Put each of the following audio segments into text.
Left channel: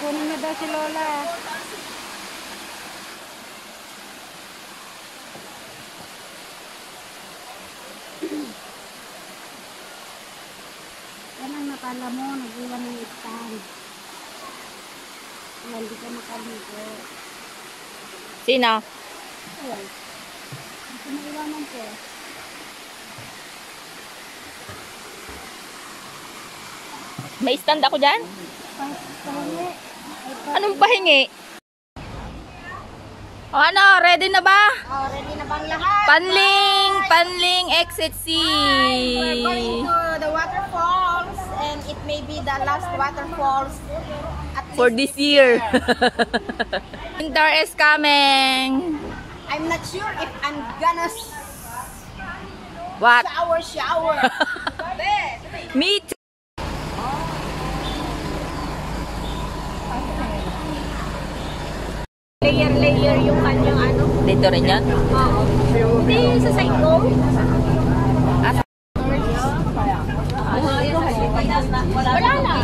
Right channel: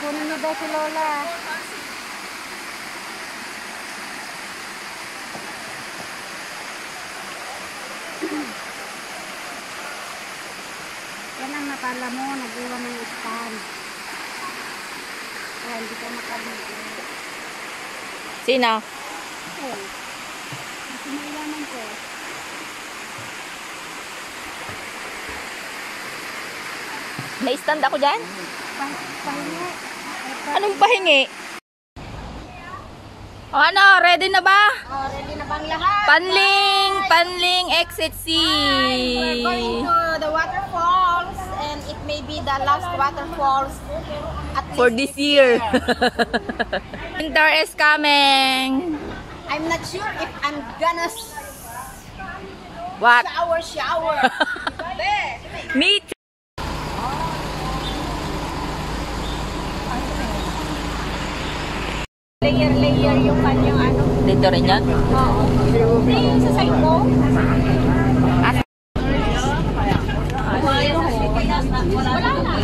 kunin na daw si Lola. Yan ang nakala mo, nag-iwan ng stand. Oh, hindi ka makaligo. Sino? Oh, kasi maiwanan ko. May stand ako dyan? Pahingi. Anong pahingi? O ano, ready na ba? Oh, ready na bang lahat? Panling exit C. We're going to the waterfalls and it may be the last waterfalls at For least this year. Winter is coming. I'm not sure if I'm gonna What? shower. Me too. Layer yung kanyang ano. Dito rin yan? Hindi yung sa side mo. Wala na.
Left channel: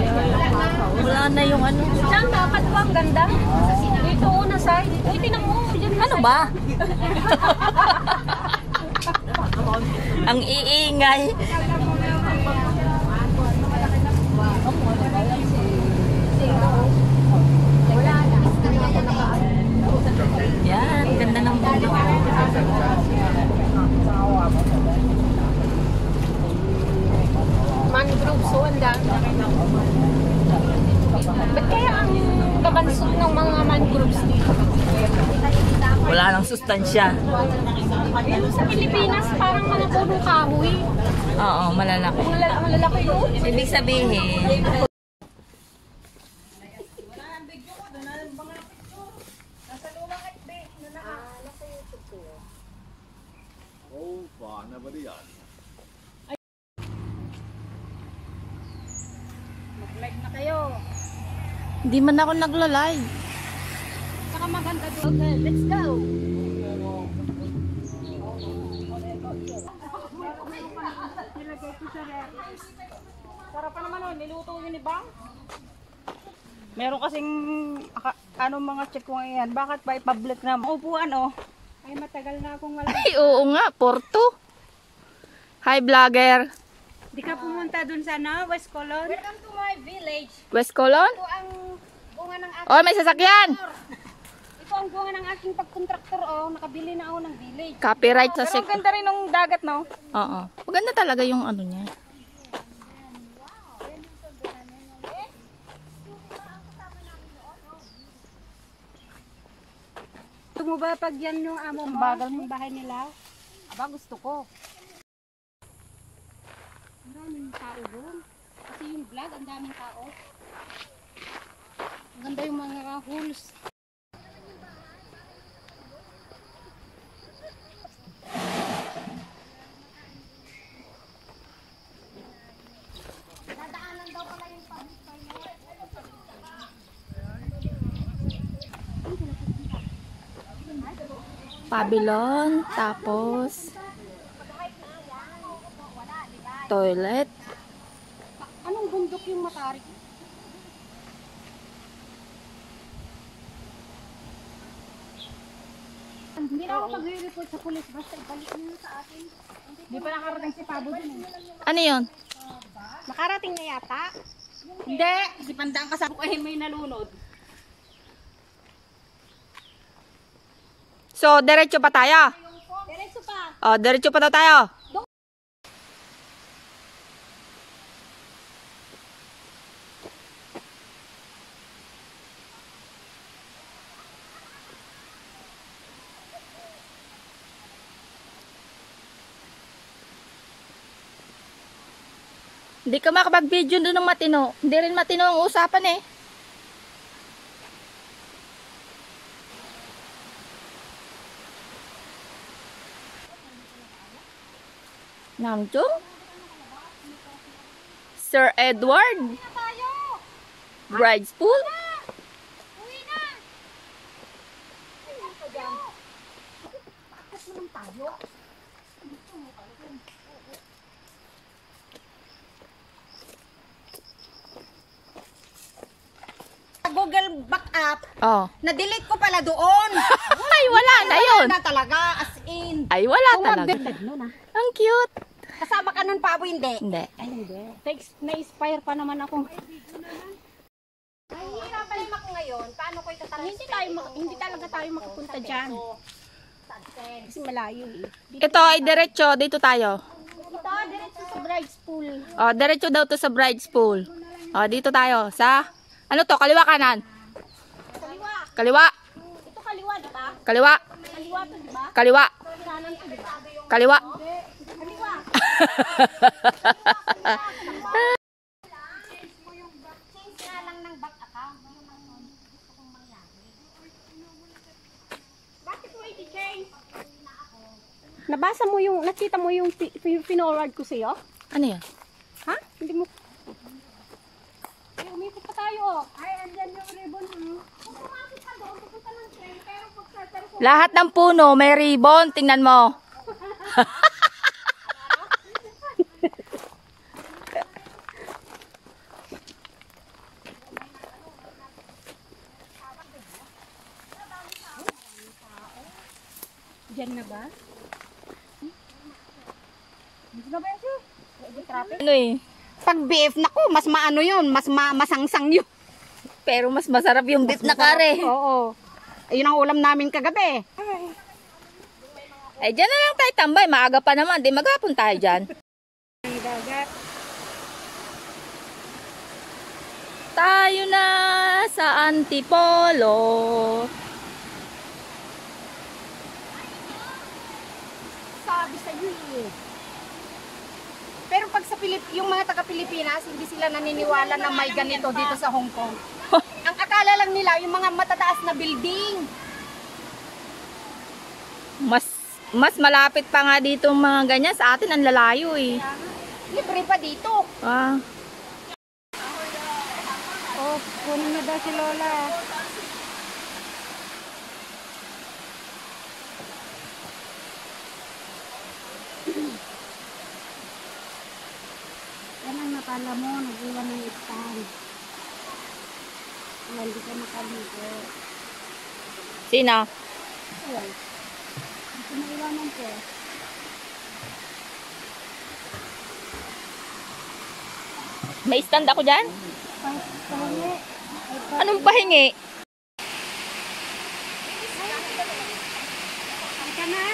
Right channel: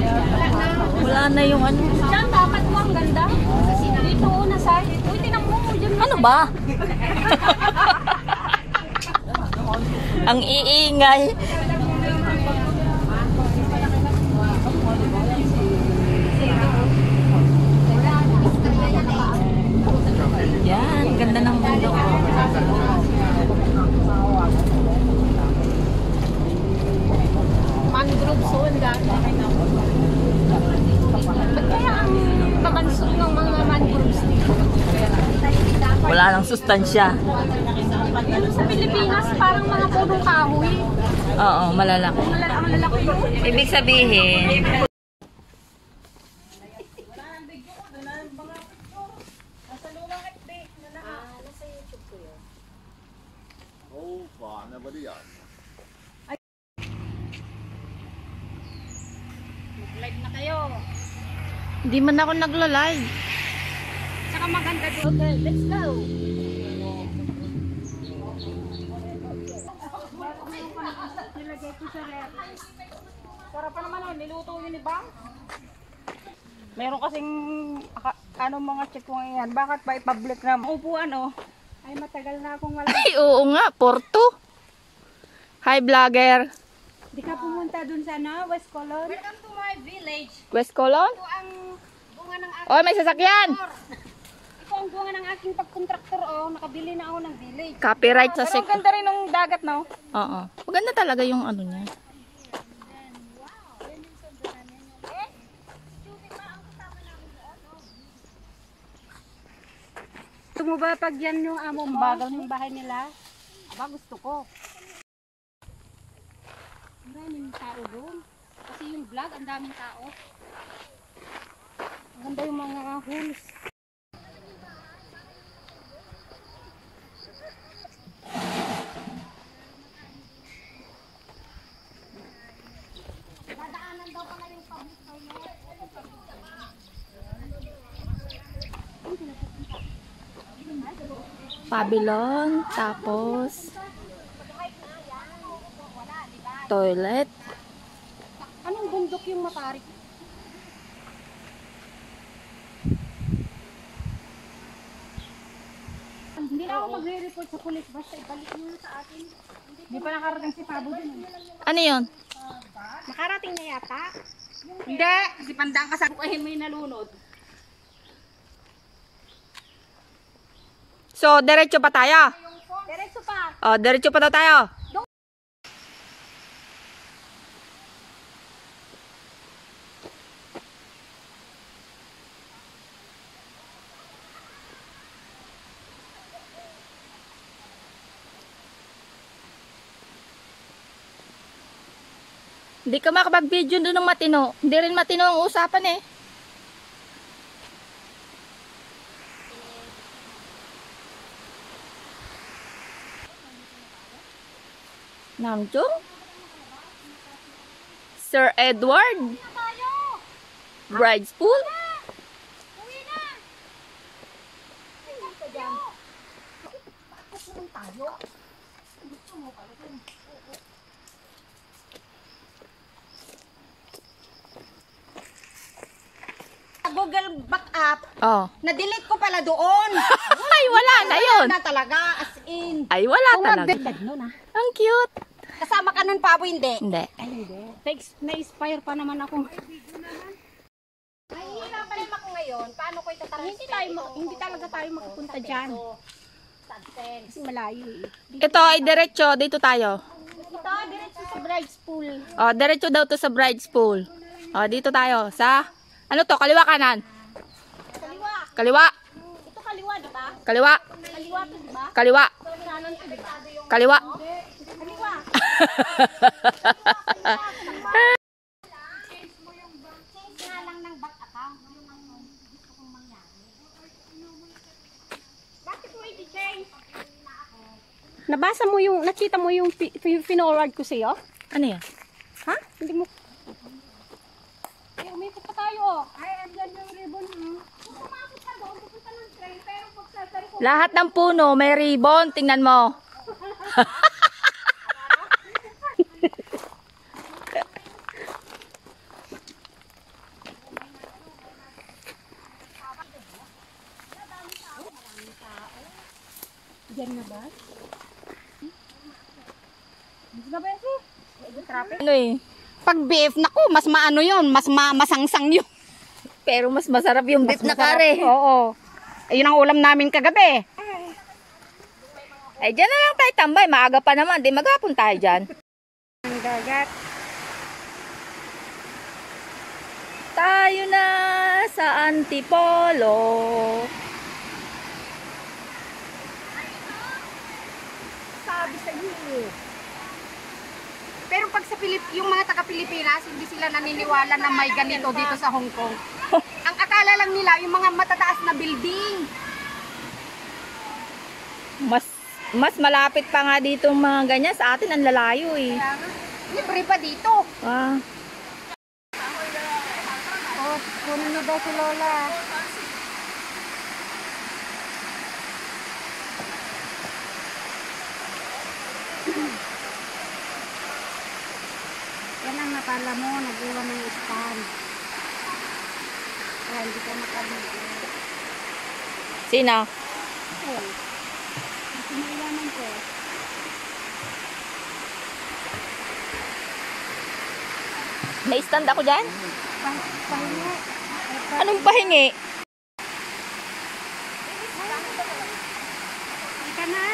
Wala na yung ano. Saan dapat ba? Ang ganda. Dito una side. Uy, tinan mo. Ano ba? Ang iingay. Yan, ganda ng bundok. Mangrove so ang ganda. Ba't kaya ang babansot ng mga mangroves dito? Wala nang sustansya. Yung sa Pilipinas, parang mga puno kahoy. Oo, malalaki. Ang lalaki yun. Ibig sabihin, Mag-live na kayo. hindi man ako nagla-live. Saka maganda dito. Let's go. Nilagay ko sa ref. Sarap pa naman, niluto yun ni Bang. Meron kasing mga check ko ngayon. Bakit ba i-public na? Upuan oh. Ay matagal na akong wala. Ay, oo nga, Porto. Hi, vlogger. Di ka pumunta dun sa West Colon? Welcome to my village. West Colon? Ito ang bunga ng aking Oh, may sasakyan. Ito ang bunga ng aking pagkontraktor oh. Nakabili na ako ng village. Copyright sa Pero ang ganda rin ng dagat no? Oo. Maganda talaga yung ano niya. Gusto mo ba pag yan yung amo mo? Ang bahay nila? Aba, gusto ko. Maraming tao doon. Kasi yung vlog, ang daming tao. Ang ganda yung mga holes. Pavilion, tapos toilet. Anong bundok yung Matarik? Hindi na ako magre-report sa pulis. Basta ibalik niyo sa akin. Hindi pa nakarating si Pabo dun. Ano yun? Nakarating na yata? Hindi. Kasi pandang ka sa bukahin may nalunod. So, diretso pa tayo? Diretso pa. Oh, diretso pa daw tayo. Hindi ka makapag-video doon ng matino. Hindi rin matino ang usapan eh. Namjoon? Sir Edward? Bride's Pool? Google backup, Oh. na-delete ko pala doon. Ay, wala na yun. Na talaga, as in. Ay, wala talaga. Nun, ah. Ang cute. Kasama ka nun pa, Abo, hindi? Hindi. Ay, hindi. Na-inspire pa naman ako. Ay, hirapan naman ako ngayon. Paano ko itatransfer? Hindi talaga tayo makapunta dyan. Kasi malayo eh. Ito ay diretso. Dito tayo. Ito, diretso sa bride's pool. Oh, diretso daw to sa bride's pool. Oh, dito tayo. Sa, ano to? Kaliwa kanan? Kaliwa. Kaliwa. Ito kaliwa, di ba? Kaliwa. Kaliwa to, di ba? Kaliwa. Kanan to, di ba? Kaliwa. Kaliwa. Bakit mo i-change? Nabasa mo yung, nakita mo yung pinorward ko sa'yo? Ano yan? Ha? Hindi mo. Ay, umikot pa tayo, oh. Ay, andyan yung ribbon, Kung pumasok ka doon, pupunta ng train, pero kung Lahat ng puno may ribbon. Tingnan mo. Diyan na ba? Dito na ba yan, sir? Traffic? Ano eh? Pag beef, naku, mas maano yun, mas masangsang yun. Pero mas masarap yung beef na kare. Oo. Ayun ang ulam namin kagabi. Ay, dyan na lang tayo tambay. Maaga pa naman. Di maghapon tayo dyan. Ang dagat. Tayo na sa Antipolo. Sabi sa iyo. Pero pag sa yung mga taga-Pilipinas, hindi sila naniniwala na may ganito dito sa Hong Kong. Ang akala lang nila, yung mga matataas na building. Mas malapit pa nga dito mga ganyan. Sa atin ang lalayo eh. Libre pa dito. Ah. Oh, kunin na daw si Lola. Yan ang nakala mo, nag-iwan ng stand. Kaya hindi ka makaligo. Sino? Ayun. Kasi maiwanan ko. May stand ako dyan? Pahingi. Anong pahingi? Ika na.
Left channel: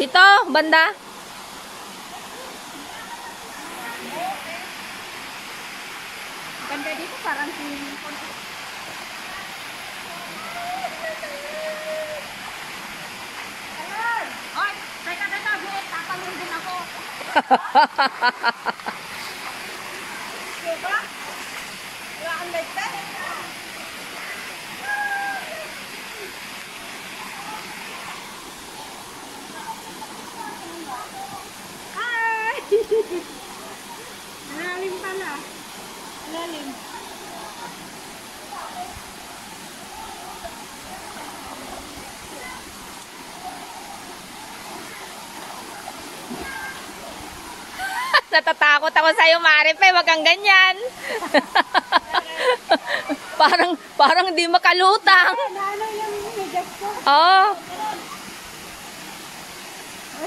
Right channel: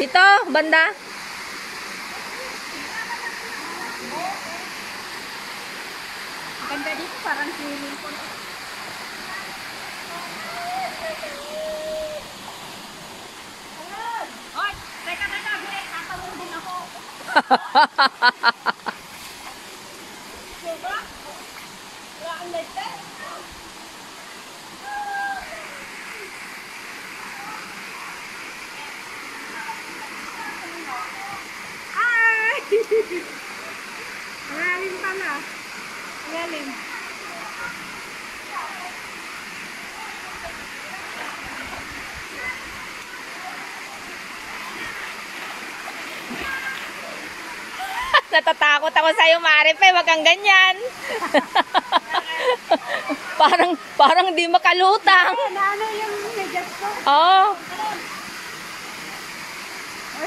Dito, banda. Ganda dito parang swimming pool. Oy, teka, tatalon din ako. Diba? Wala kang light na? Ay! Alalim pala. Alalim. Natatakot ako sa'yo, Marife. Wag kang ganyan. parang di makalutang. Ano yung medyas ko? Oo.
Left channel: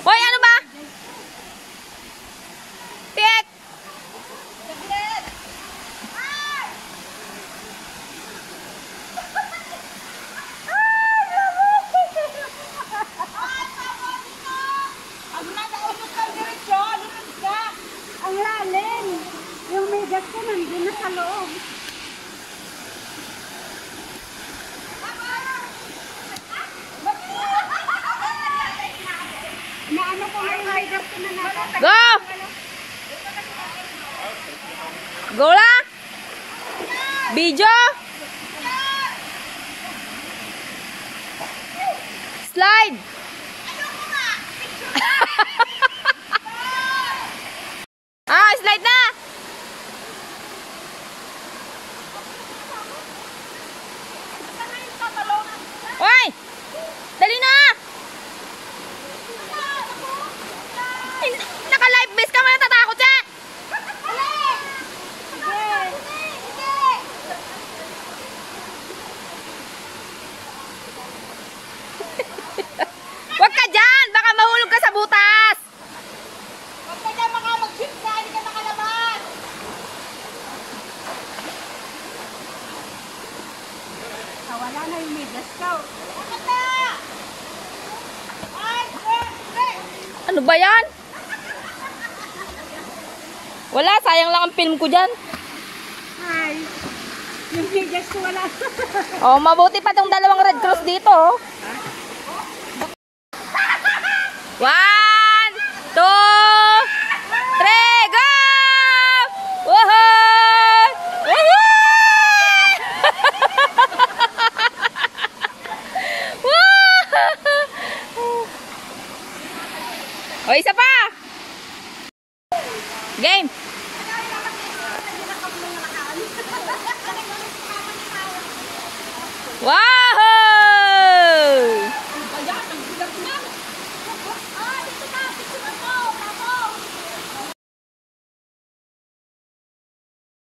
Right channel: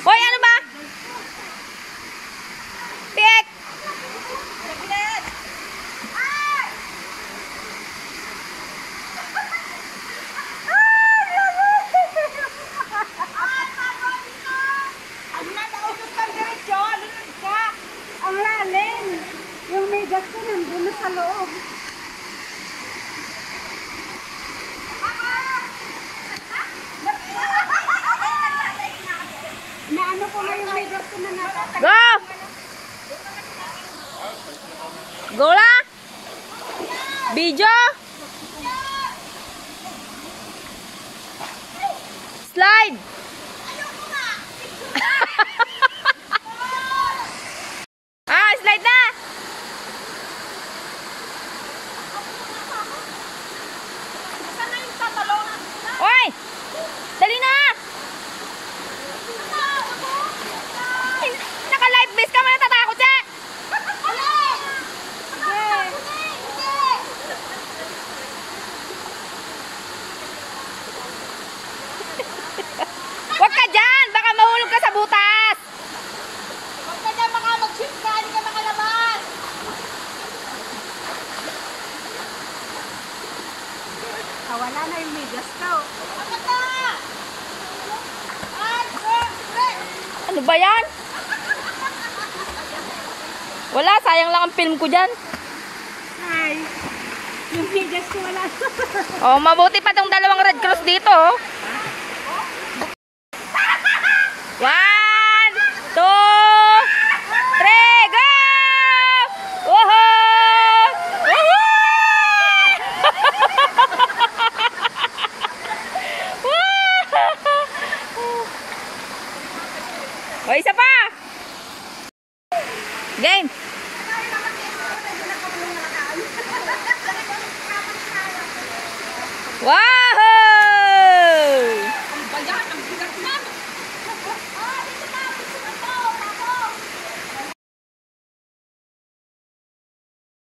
Hoy, ano ba? Piet! Saglit! Ang lalim! Yung medyas ko nandun na sa loob. Naano ko na yung medyas ko na nasa. Go! Go lang! Video! Slide! Ah, slide na! Wala, sayang lang ang film ko dyan. Ay, yung bigas ko wala. Oh, mabuti pa tong dalawang Red Cross dito. Oh. 1, 2, 3, go! Woohoo! Woohoo! O, isa pa! Game! Wow!